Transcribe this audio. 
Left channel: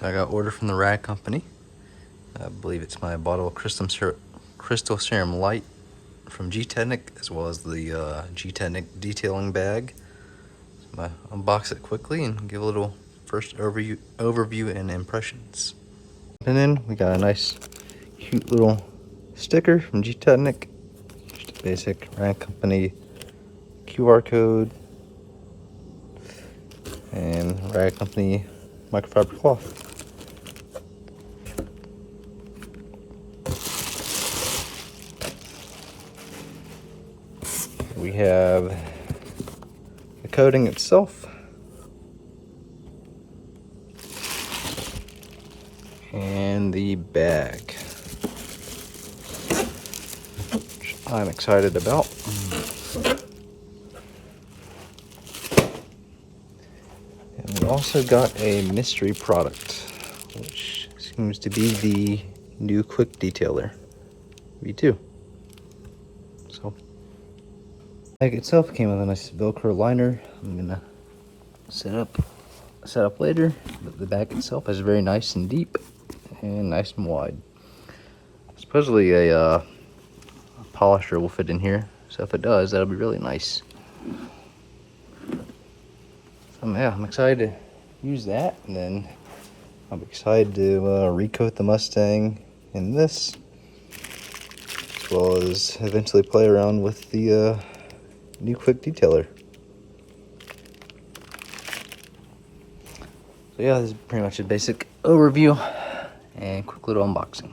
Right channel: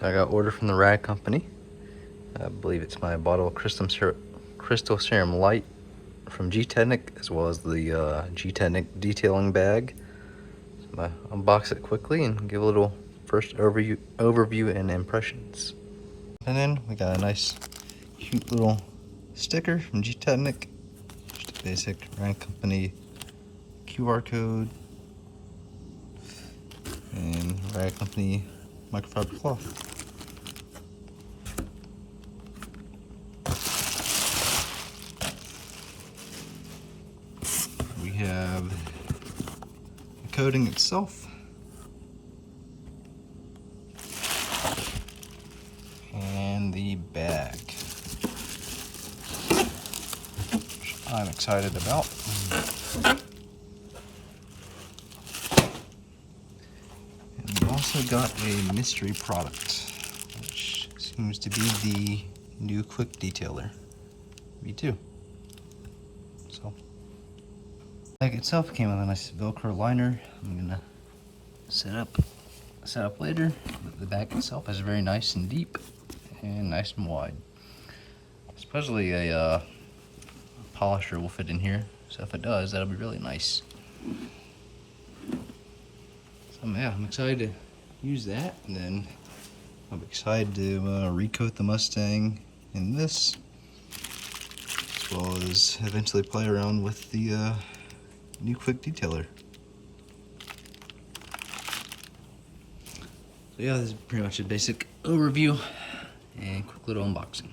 So I got order from the Rag Company. I believe it's my bottle of Crystal Serum Light from G-Technic, as well as the G-Technic detailing bag. I'm gonna unbox it quickly and give a little first overview and impressions. And then we got a nice, cute little sticker from G-Technic. Just a basic Rag Company QR code and Rag Company microfiber cloth. We have the coating itself and the bag, which I'm excited about. And we also got a mystery product, which seems to be the new Quick Detailer V2. So the bag itself came with a nice Velcro liner. I'm gonna set up later, but the bag itself is very nice and deep and nice and wide. Supposedly a polisher will fit in here, so if it does, that'll be really nice. So yeah, I'm excited to use that, and then I'm excited to recoat the Mustang in this, as well as eventually play around with the new Quick Detailer. So yeah, this is pretty much a basic overview and quick little unboxing.